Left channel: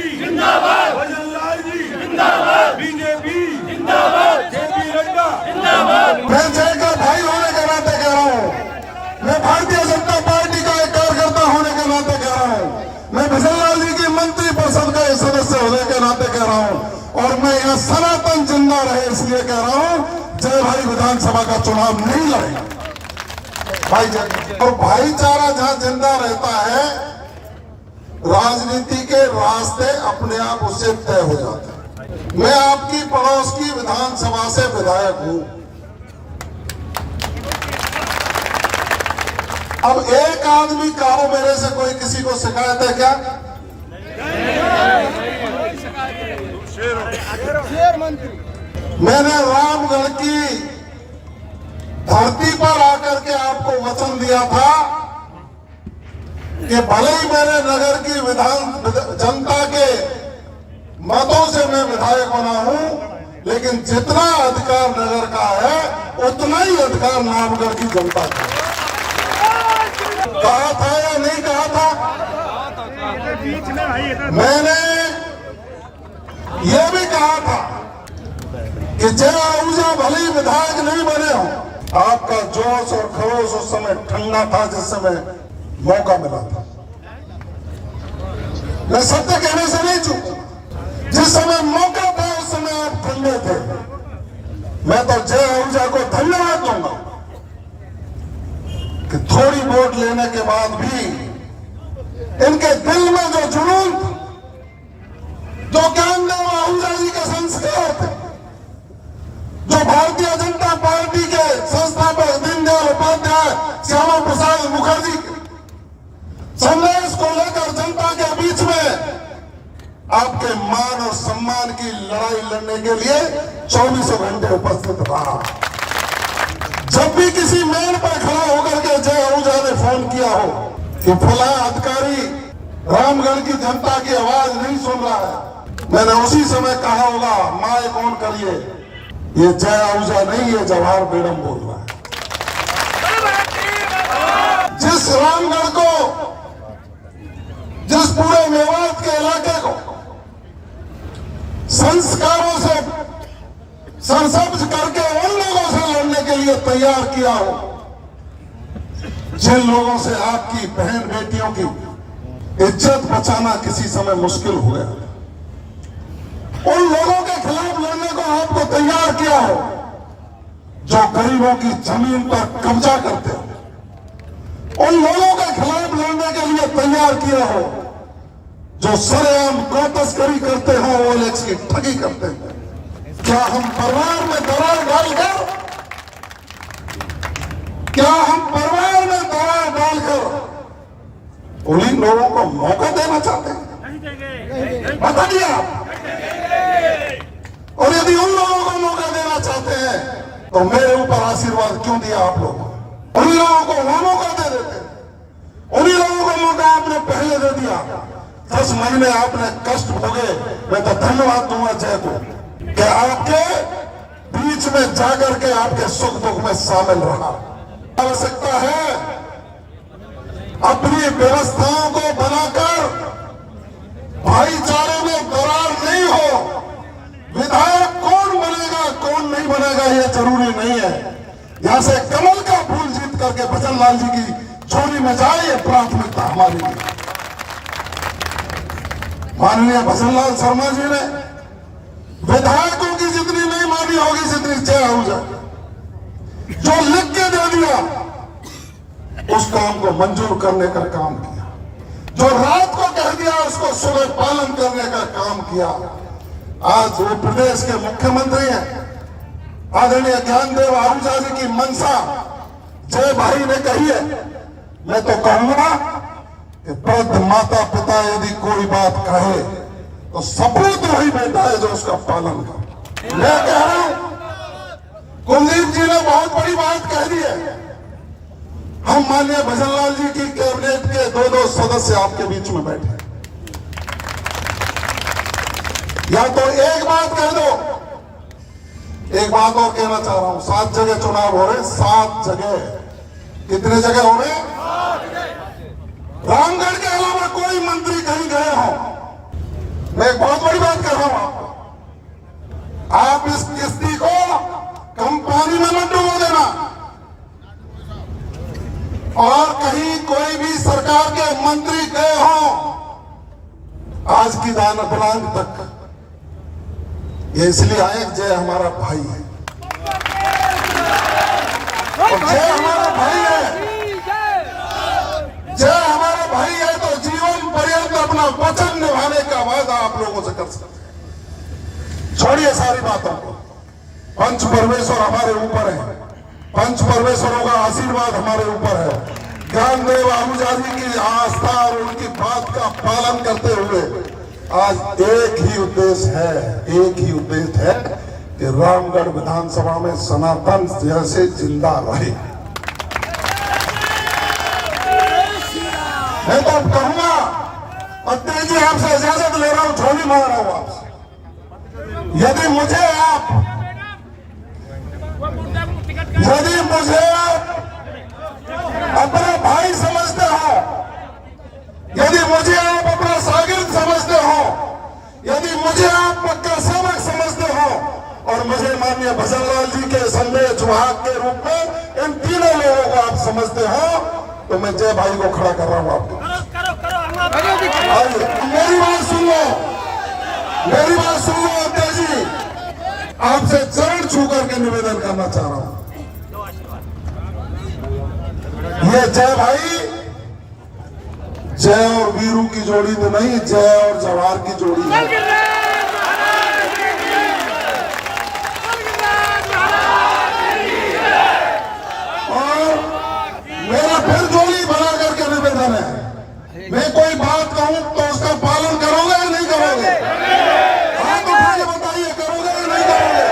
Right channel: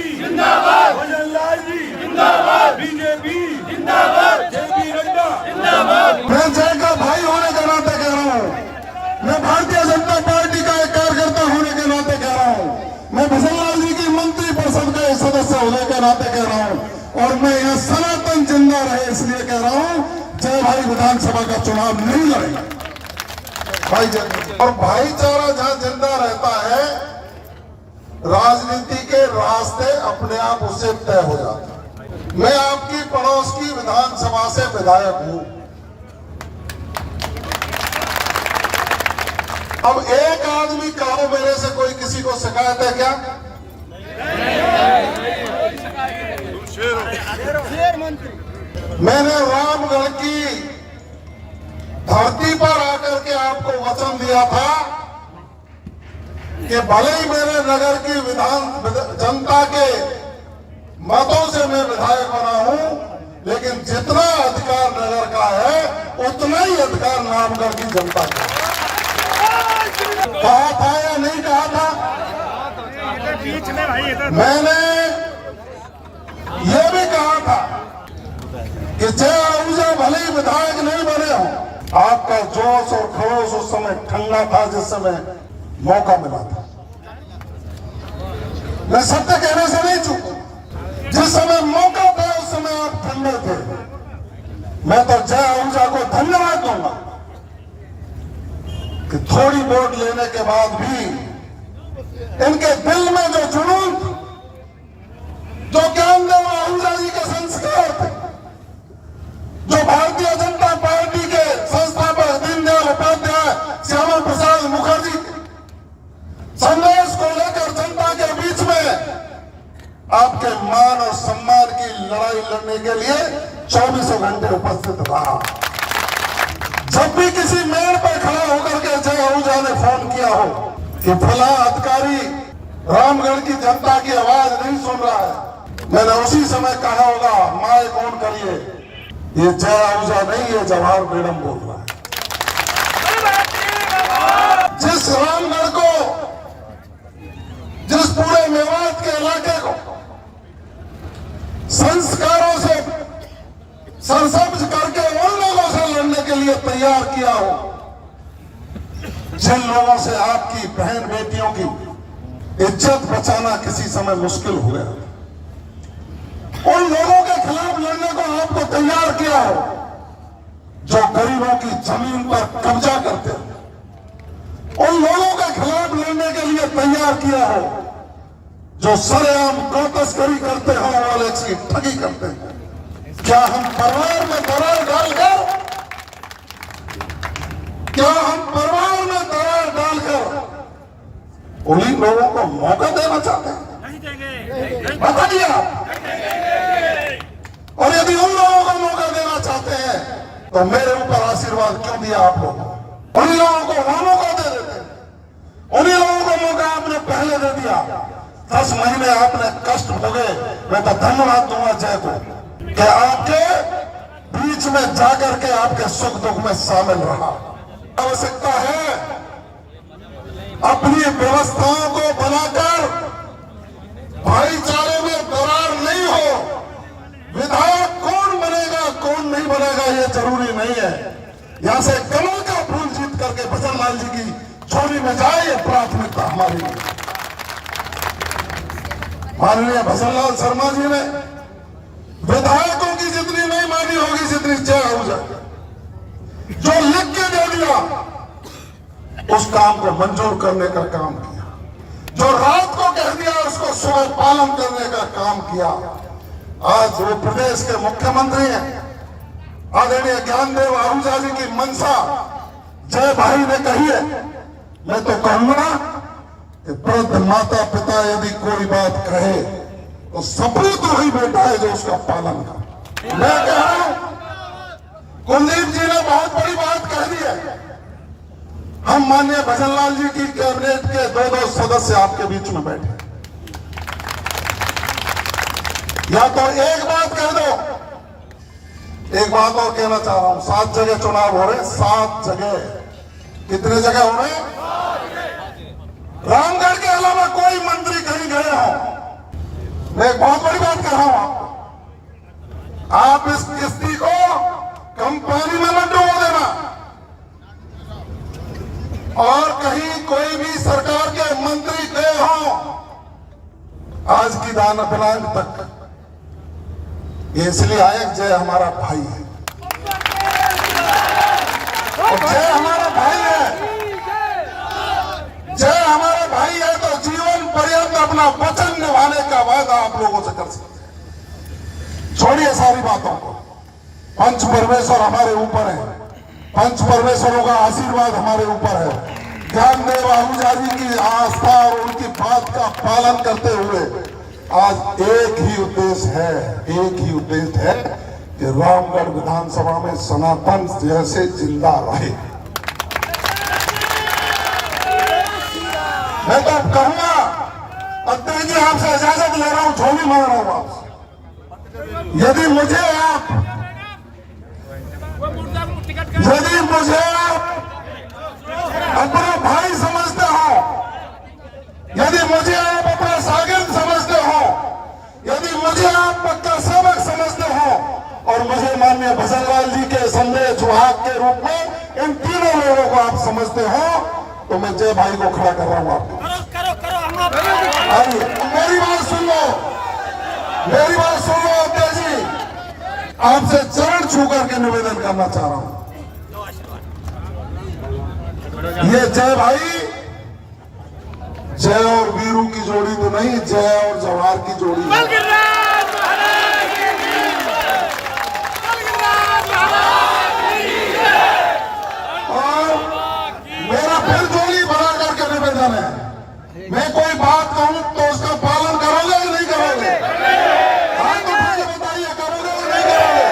जी जिंदाबाद, भजन लाल जी जिंदाबाद, बीजेपी जिंदाबाद, जेपी नड्डा जिंदाबाद। मैं जय का भाई होने के नाते कह रहा हूँ, मैं भारतीय जनता पार्टी का एक कार्यकर्ता होने के नाते कह रहा हूँ, मैं भजन लाल जी की मंत्री परिषद के सदस्य होने के नाते कह रहा हूँ, और मैं यहाँ सनातन जिंदा रहे इसलिए कह रहा हूँ, जय भाई विधानसभा का चुनाव नहीं लड़ेगा भाई। और भाईचारा जहाँ जिंदा रहता है, राजनीति के रास्ते अपने आप उससे तय हो जाते हैं। मैं आपकी पड़ोस की विधानसभा से विधायक हूं। अब एक आदमी कहो मेरे से कोई किसी को शिकायत है क्या? मैंने रामगढ़ की धरती पर आकर के आपको वचन दिया था कि भले ही मैंने नगर की जनता के मतों से मैं विधायक बना हूं, लेकिन जितना अधिकार नगर का है उतना ही अधिकार रामगढ़ की जनता का। कहा था या नहीं कहा था? मैंने यह भी कहा था कि जय आहूजा भले ही विधायक नहीं बने हो, आपका जोश और खरोश उस समय ठंडा था जिस समय मौका मिला था। मैं सत्य कहने से नहीं चूका, जिस समय मौका था उस समय आप ठंडे थे। मैं तो जय आहूजा को धन्यवाद दूंगा कि थोड़ी वोट लेने के बाद भी इनके दिल में जो जुनून था, जो ज्ञानदेव आहूजा जी के संस्कार थे, जो भारतीय जनता पार्टी के संस्थापक दीनदयाल उपाध्याय, श्यामा प्रसाद मुखर्जी के संदेश को लेकर जनता के बीच में आपके मान और सम्मान की लड़ाई लड़ने के लिए 24 घंटे उपस्थित रहा। जब भी किसी मेड़ पर खड़ा होकर के जय आहूजा ने फोन किया हो कि फला अधिकारी रामगढ़ की जनता की आवाज नहीं सुन रहा है, मैंने उसी समय कहा होगा माइक ऑन करिए, ये जय आहूजा नहीं, ये जवाहर बेगम बोल रहा है। जिस रामगढ़ को, जिस पूरे मेवात के इलाके को संस्कारों से सरसब्ज करके उन लोगों से लड़ने के लिए तैयार किया हो, जिन लोगों से आपकी बहन बेटियों की इज्जत बचाना किसी समय मुश्किल हो गया, उन लोगों के खिलाफ लड़ने को आपको तैयार किया हो, जो गरीबों की जमीन पर कब्जा करते हो, उन लोगों के खिलाफ लड़ने के लिए तैयार किया हो, जो सरेआम गौ तस्करी करते हो, ओएलएक्स की ठगी करते हैं। क्या हम परिवार में दरार डालकर, क्या हम परिवार में दरार डालकर उन्हीं लोगों को मौका देना चाहते हैं? बताइए आप। और यदि उन लोगों को मौका देना चाहते हैं तो मेरे ऊपर आशीर्वाद क्यों दिया आप लोगों? उन्हीं लोगों को वो मौका दे देते, उन्हीं लोगों को मौका आपने पहले दे दिया। 10 महीने आपने कष्ट भोगे, मैं तो धन्यवाद दूंगा जय को कि आपके बीच में जाकर के आपके सुख दुख में शामिल रहा। आवश्यकता है अपनी व्यवस्थाओं को बनाकर भाईचारे में दरार नहीं हो। विधायक कौन बनेगा कौन नहीं बनेगा ये जरूरी नहीं है, यहां से कमल का फूल जीत करके भजन लाल जी की झोली में जाए, ये प्राथमिकता हमारी है। माननीय भजन लाल शर्मा जी ने विधायकों की जितनी नहीं मांगी होगी जितनी जय आहूजा जो लिख के दे दिया, उस काम को मंजूर करने का काम किया, जो रात को कह दिया उसको सुबह पालन करने का काम किया। आज वो प्रदेश के मुख्यमंत्री हैं, आदरणीय ज्ञानदेव आहूजा जी की मंशा जय भाई ने कही है। मैं तो कहूंगा कि वृद्ध माता पिता यदि कोई बात कहे तो सपूत वही बेटा है जो उसका पालन करे। मैं कह रहा हूं, कुलदीप जी ने बहुत बड़ी बात कह दी है। हम माननीय भजन लाल जी की कैबिनेट के 2 सदस्य आपके बीच में बैठे, या तो एक बात कह दो। एक बात और कहना चाह रहा हूं, 7 जगह चुनाव हो रहे, 7 जगह, कितने जगह हो रहे? रामगढ़ के अलावा कोई मंत्री कहीं गए हो मैं एक बहुत बड़ी बात कर रहा हूं आपको, आप इस किस्ती को कम पानी में मत डुबो देना। और कहीं कोई भी सरकार के मंत्री गए हो आज की दाना प्लांट तक, ये इसलिए आए जय हमारा भाई है, और जय हमारा भाई है, जय हमारा भाई है तो जीवन पर्यंत अपना वचन निभाने का वादा आप लोगों से कर सकते हैं। छोड़िए सारी बातों को, पंच परमेश्वर हमारे ऊपर है, पंच परमेश्वरों का आशीर्वाद हमारे ऊपर है। ज्ञानदेव आहूजा जी की आस्था और उनकी बात का पालन करते हुए आज एक ही उद्देश्य है कि रामगढ़ विधानसभा में सनातन जैसे जिंदा रहे। मैं तो अब कहूंगा, अध्यक्ष जी आपसे इजाजत ले रहा हूं, झोली मार रहा हूं आपसे, यदि मुझे आप अपना भाई समझते हो, यदि मुझे आप अपना शागिर्द समझते हो, यदि मुझे आप पक्का सेवक समझते हो, और मुझे माननीय भजनलाल जी के संदेश वाहक के रूप में इन तीनों लोगों को आप समझते हो, तो मैं जय भाई को खड़ा कर रहा हूं आपको। आइए मेरी बात सुन लो, मेरी बात सुन लो अध्यक्ष जी, आपसे चरण छू करके निवेदन करना चाह रहा हूं, ये जय भाई जय और वीरू की जोड़ी तो नहीं, जय और जवाहर की जोड़ी है। और मेरा फिर जोड़ी बना करके निवेदन है, मैं कोई बात कहूं तो उसका पालन करोगे या नहीं करोगे? हाथ उठा के बताइए, करोगे या नहीं करोगे?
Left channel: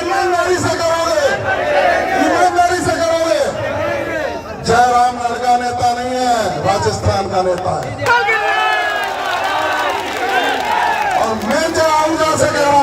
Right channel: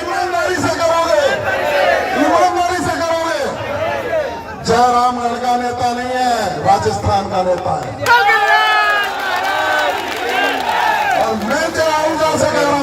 ईमानदारी से करोगे, ईमानदारी से करोगे। जय रामगढ़ का नेता नहीं है, राजस्थान का नेता है, और मैं जय आहूजा से कह रहा